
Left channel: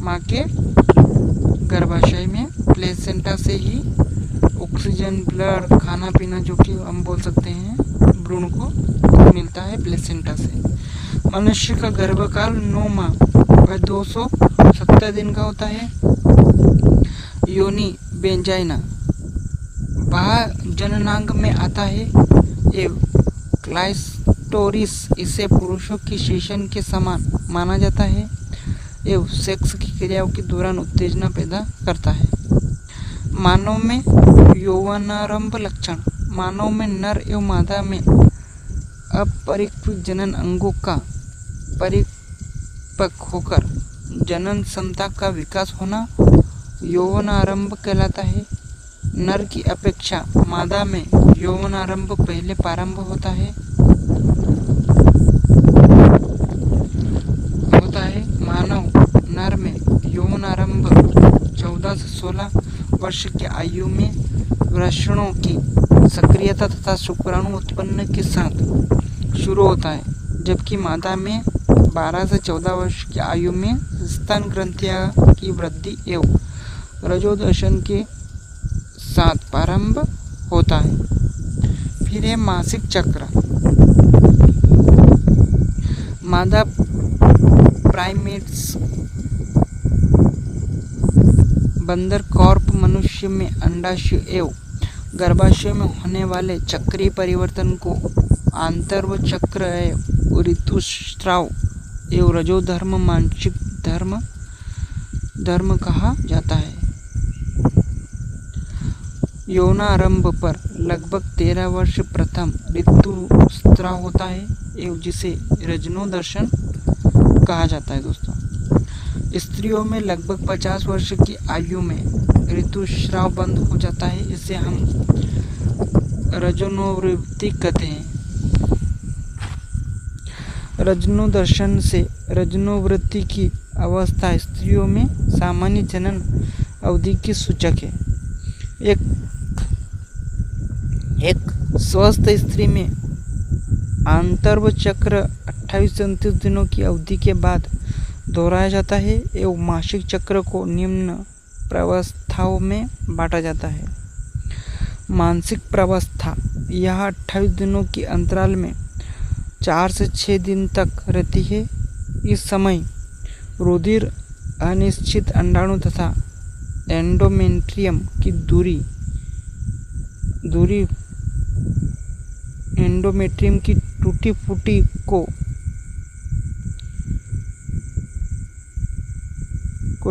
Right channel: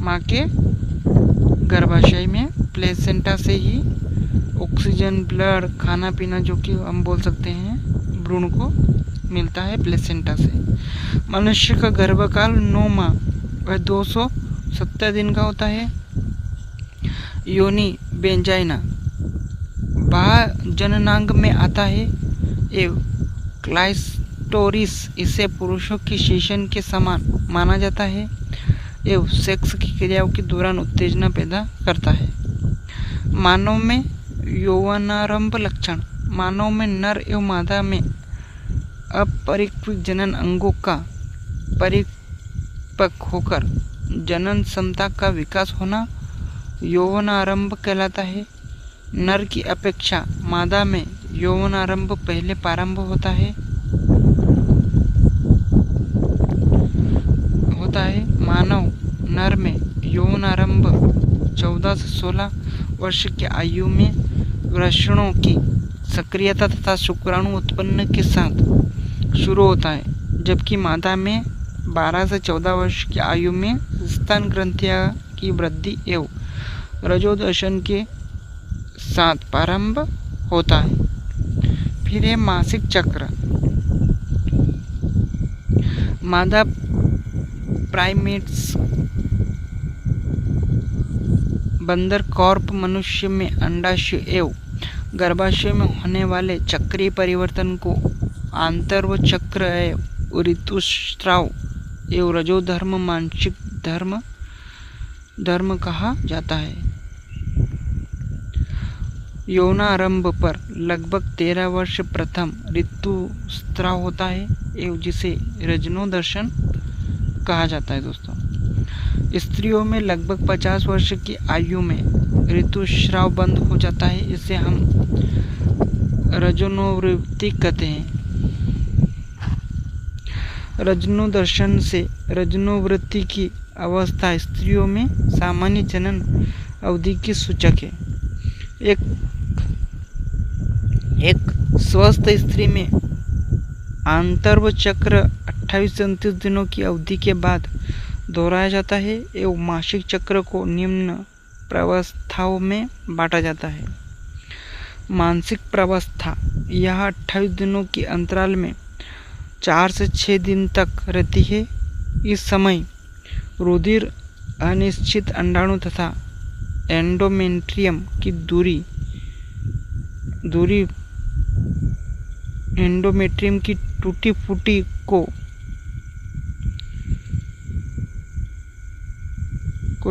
माँ के गर्भाशय में प्लेसेंटा से ही ऑक्सीजन ब्लड खाना पीना जो कि हम बोल सकते हैं भ्रूण को मिलता है प्लेसेंटा से। मनुष्य का गर्भकाल 9 माह व 270 दिन का होता है। योनि बेंजाइना बाह्य जननांग में आता है एवं क्लाइटोरिस इसे पुरुषों की शीशन के समान माना जाता है एवं सेक्स की क्रियाओं के दौरान उत्तेजना पैदा करता है। मानव में यौवनारंभ लक्षण, मानव में नर एवं मादा में अपरिपक्व जनन अंगों का परिपक्व होकर जनन क्षमता का विकास होना यौवनारंभ कहलाता है। नर की अपेक्षा मादा में यौवनारंभ पहले प्रारंभ होता है। मानव नर में यौवनारंभ 14 से 16 वर्ष की आयु में वृषणों की सक्रियता तथा शुक्राणु उत्पन्न के साथ शुरू होता है, जबकि मादा में 12 से 14 वर्ष की आयु में स्तन ग्रंथियां की वृद्धि एवं रजोदर्शन के साथ प्रारंभ होता है। फिर है मासिक चक्र। मादा प्राइमेट्स बंदर कॉर्प मनुष्य में अंडाशय एवं गर्भाशय में होने वाले चक्रीय परिवर्तन को आंतर्व चक्र एवं ऋतुस्राव एवं रजोधर्म मानसिक धर्म कहा जाता है। यौनारंभ पर लगभग 13 वर्ष प्रथम ऋतुस्राव होता है एवं जिसे रजनोदर्शन कहा जाता है दोस्तों। स्त्रियों में लगभग 50 वर्ष की आयु में ऋतुस्राव बंद हो जाता है, इसे हम रजनोवृत्ति कहते हैं। रजनोदर्शन से रजनोवृत्ति की अवस्था स्त्रियों में सामान्य जनन अवधि की सूचक है। एक स्वस्थ स्त्री में आंतर्व चक्र 28 से 29 दिनों की अवधि के बाद दोहराया जाता है एवं मासिक चक्र को निम्न प्रावस्थाओं में बांटा जाता है। मानसिक प्रावस्था यह 28 दिनों की अंतराल में 4 से 6 दिन तक रहती है। इस समय रुधिर अनिश्चित अंडाणु तथा एंडोमेट्रियम की दूरी एंडोमेट्रियम की टूटी फूटी को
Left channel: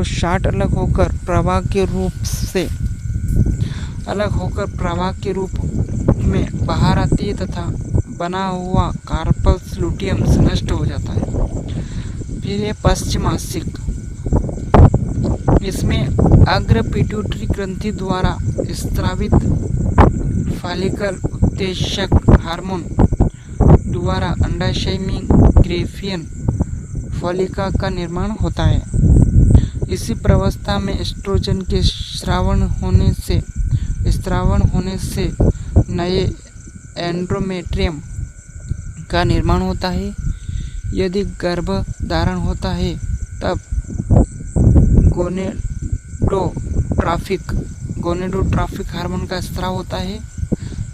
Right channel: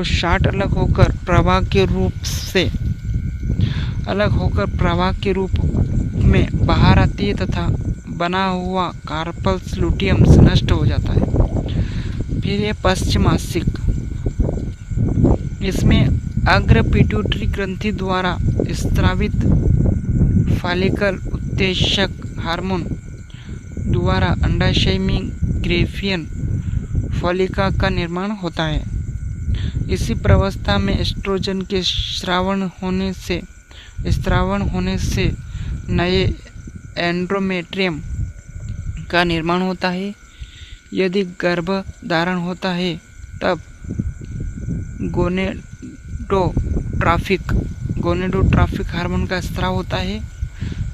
शाट अलग होकर प्रवाह के रूप से अलग होकर प्रवाह के रूप में बाहर आती है तथा बना हुआ कार्पल्स लुटियम नष्ट हो जाता है। फिर ये पश्चिमासिक, इसमें अग्र पिट्यूटरी ग्रंथि द्वारा स्रावित फॉलिकल उत्तेजक हार्मोन द्वारा अंडाशय में ग्रेफियन फॉलिका का निर्माण होता है। इसी प्रवस्था में एस्ट्रोजन के स्रावण होने से नए एंड्रोमेट्रियम का निर्माण होता है। यदि गर्भ धारण होता है तब गोनेडोट्राफिक हार्मोन का स्राव होता है,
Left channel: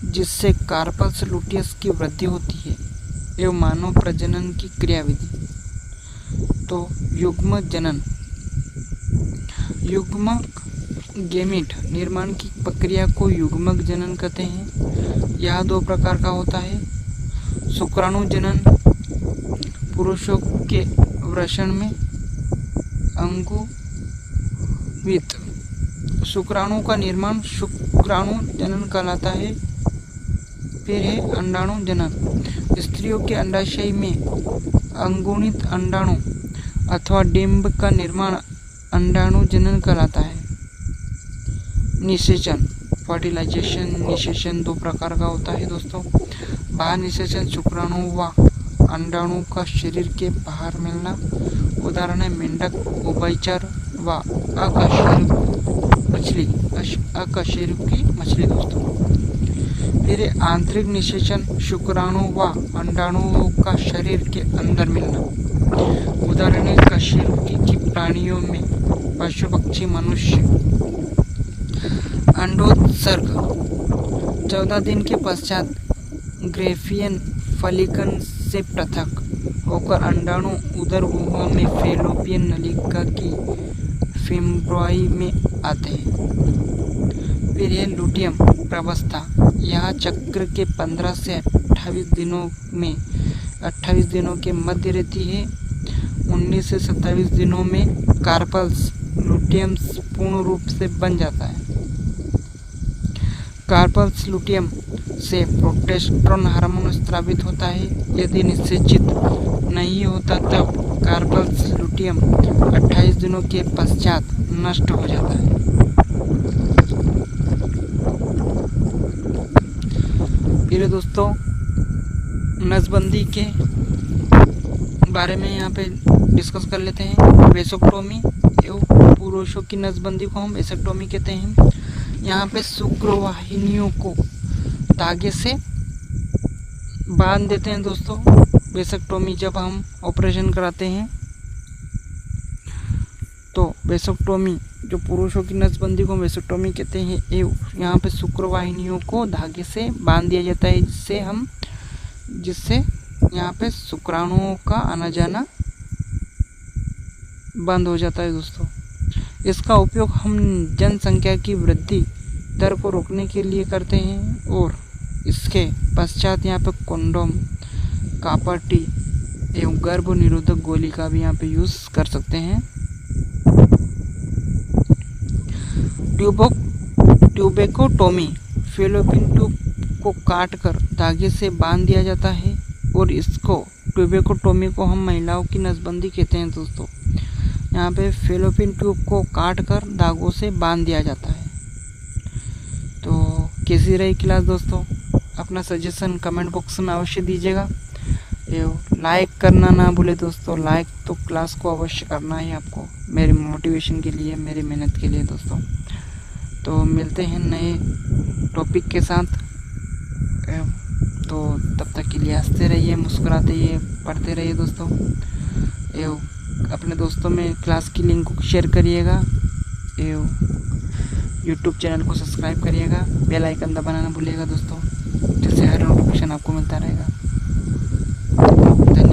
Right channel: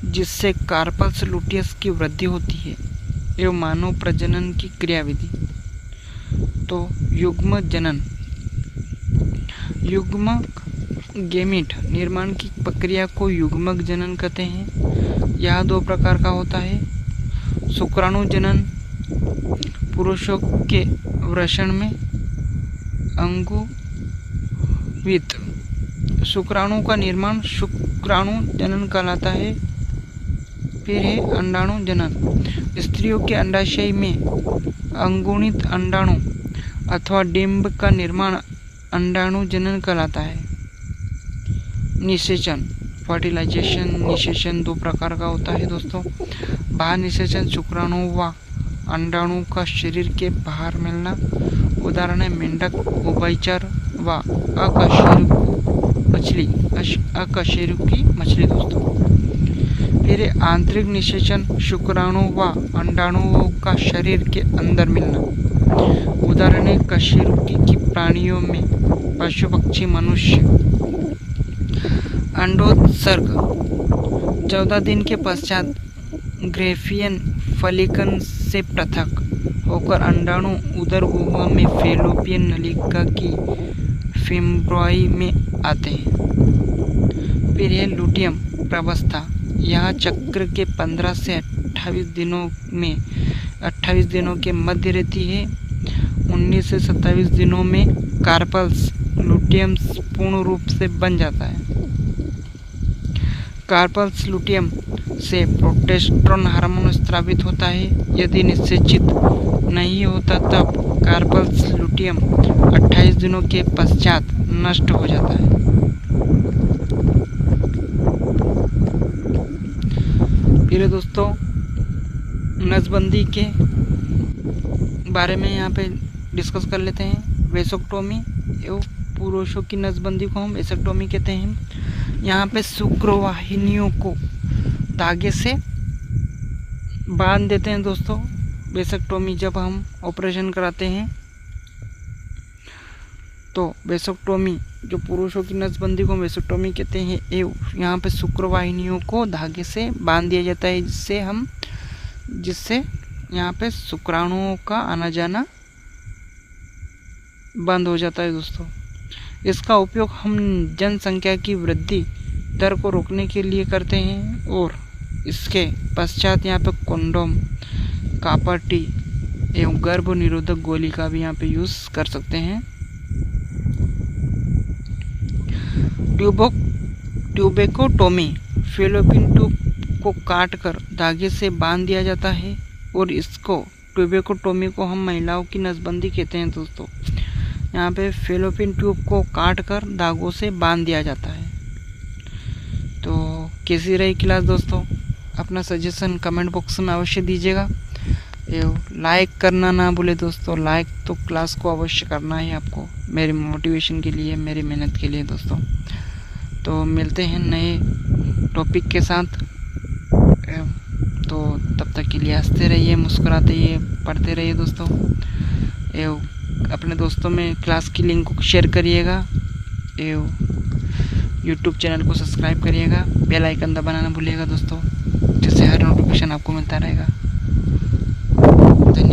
जिससे कार्पल्स लुटियस की वृद्धि होती है एवं मानव प्रजनन की क्रियाविधि। तो युग्म जनन, युग्मक गेमिट निर्माण की प्रक्रिया को युग्मक जनन कहते हैं। यह दो प्रकार का होता है। शुक्राणु जनन पुरुषों के वृषण में अंगुवित शुक्राणु का निर्माण शुक्राणु जनन कहलाता है। फिर है अंडाणु जनन, स्त्रियों के अंडाशय में अंगुणित अंडाणु अथवा डिंब का निर्माण अंडाणु जनन कहलाता है। निषेचन, फर्टिलाइजेशन निषेचन दो प्रकार का होता है दोस्तों। बाहर निषेचन शुक्राणु व अंडाणु का शरीर के बाहर मिलना, उदाहरण है मेंढक, उभयचर व अकशेरुकी मछली दोस्तों। फिर आंतरिक निषेचन शुक्राणु व अंडाणुओं का शरीर के अंदर मिलना, उदाहरण है कशेरुकी की प्राणियों में पशु पक्षी मनुष्य। अंडोत्सर्ग 14 दिन के पश्चात ग्रेफियन फलिकन से पृथक होकर अंडाणु उदर गुहा में फैलोपियन नलिका की फिम्ब्रॉई में आते हैं। फिर है लुटियम प्रावस्था, यहाँ चक्र के 15 से 28 दिनों के मध्य रहती है। 19 से 27 दिनों में कार्पल्स लुटियम पूर्ण रूप से बन जाता है। कार्पल्स लुटियम से प्रोजेस्टेरोन हार्मोन स्रावित होता है। यदि निषेचित नहीं होता तब कार्पल्स लुटियम 28 दिनों के पश्चात नष्ट हो जाता है। फिर दोस्तों नसबंदी के बारे में यहाँ पे डिस्कस कर लेते हैं। वेसोक्टोमी एवं पुरुषों की नसबंदी को हम वेसोक्टोमी कहते हैं। यहाँ पे शुक्रवाहिनियों को धागे से बांध देते हैं दोस्तों। वेसोक्टोमी जब हम ऑपरेशन कराते हैं तो वेसोक्टोमी जो पुरुषों की नसबंदी को वेसोक्टोमी कहते हैं। यहाँ पे शुक्रवाहिनियों को धागे से बांध दिया जाता है, जिससे यहाँ पे शुक्राणुओं का आना जाना बंद हो जाता है दोस्तों। इसका उपयोग हम जनसंख्या की वृद्धि दर को रोकने के लिए करते हैं और इसके पश्चात यहाँ पे कंडोम, कॉपर टी एवं गर्भ निरोधक गोली का भी यहाँ पे यूज़ कर सकते हैं। ट्यूबेकोटोमी, फैलोपियन ट्यूब को काटकर धागे से बांध दिया जाता है और इसको ट्यूबेकोटोमी को हम महिलाओं की नसबंदी कहते हैं दोस्तों। यहाँ पे फैलोपियन ट्यूब को काटकर धागों से बांध दिया जाता है। तो कैसी रही क्लास दोस्तों? अपना सजेशन कमेंट बॉक्स में अवश्य दीजिएगा। लाइक करना ना भूले दोस्तों, लाइक तो क्लास को अवश्य करना है आपको, मेरी मोटिवेशन के लिए, मेरी मेहनत के लिए दोस्तों। तो मिलते हैं नए टॉपिक के साथ। तो तब तक के लिए हंसते रहिए, मुस्कुराते रहिए, पढ़ते रहिए दोस्तों। अपने दोस्तों में क्लास की लिंक को शेयर करिएगा। यूट्यूब चैनल को सब्सक्राइब करिएगा, बेल आइकन दबाना ना भूलिएगा दोस्तों, जिससे हर नोटिफिकेशन आपको मिलता रहेगा। धन्यवाद।